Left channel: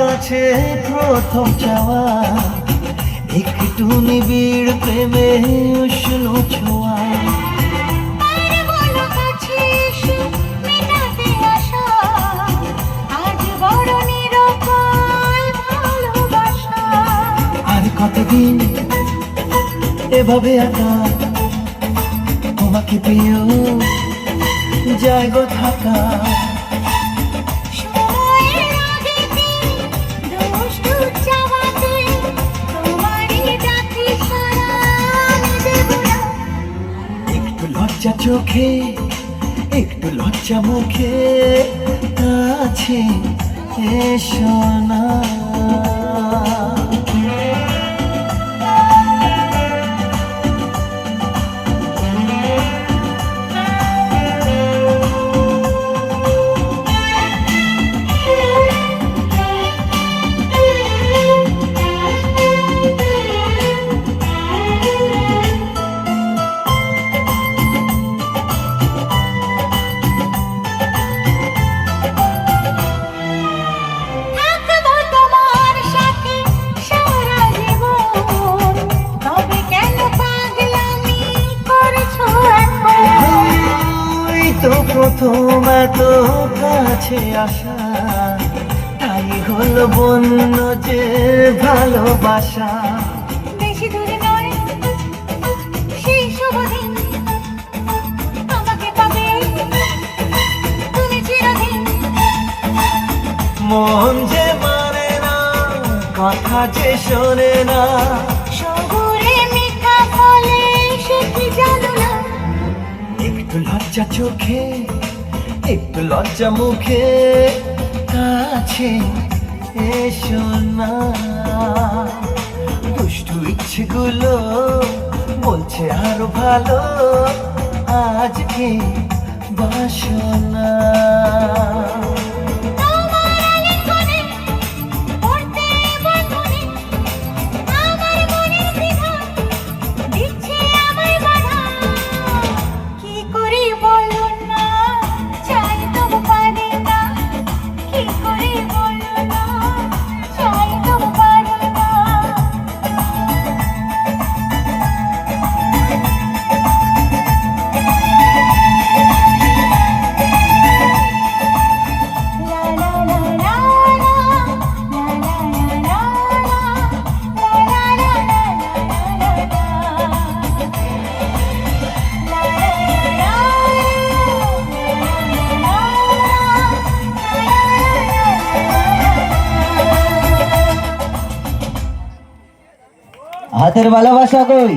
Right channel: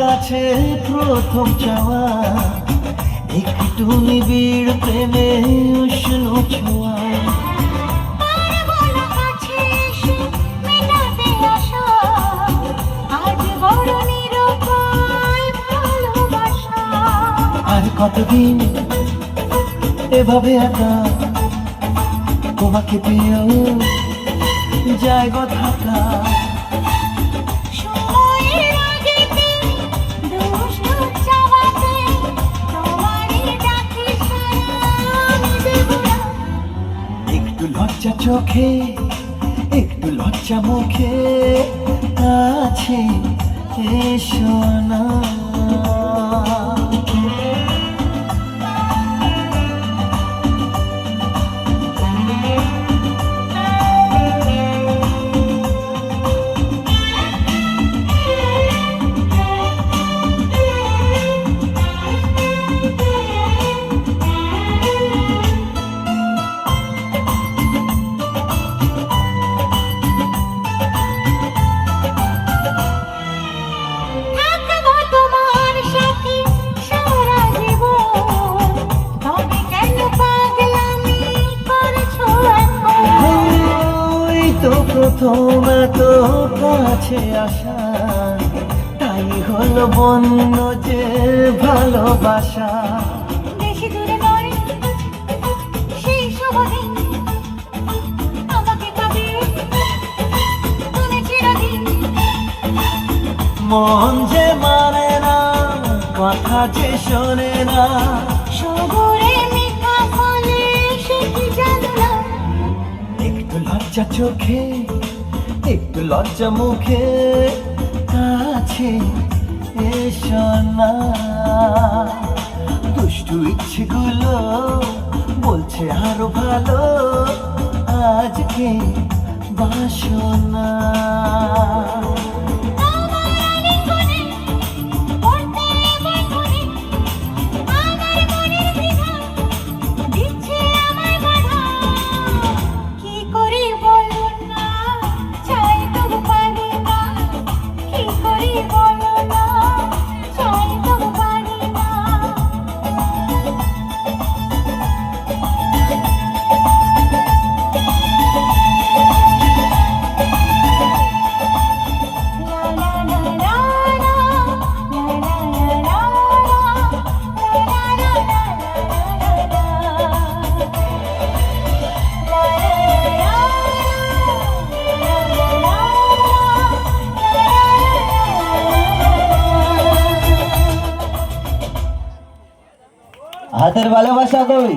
কাছে প্রথম চাওয়া একটু নিবিড় প্রেমে উষ্ণ ছোঁয়া। আর কতদিন এভাবে একা তোমাকে প্রিয় জায়গা থাকা। একটু লজ্জা চোখে একটু লজ্জা মুখে আছে এসো না। তো প্রথম এত কাছে আসা, তাই হলো বন্য যে ভালোবাসা। বেশি দূরে নয় সেই শুভ দিন, আমাকে পাবে তুমি চিরদিন। মন যে মানে না, কথা যে শোনে না, শহরে মিঠা ফলে সে কি জানো না। একটু লজ্জা চোখে একটু লজ্জা মুখে আছে এসো না। দুষ্টু ইচ্ছেগুলো বলছে আরো ভালো, আজকে বাসনা। হাতের ভালোবাসা কই?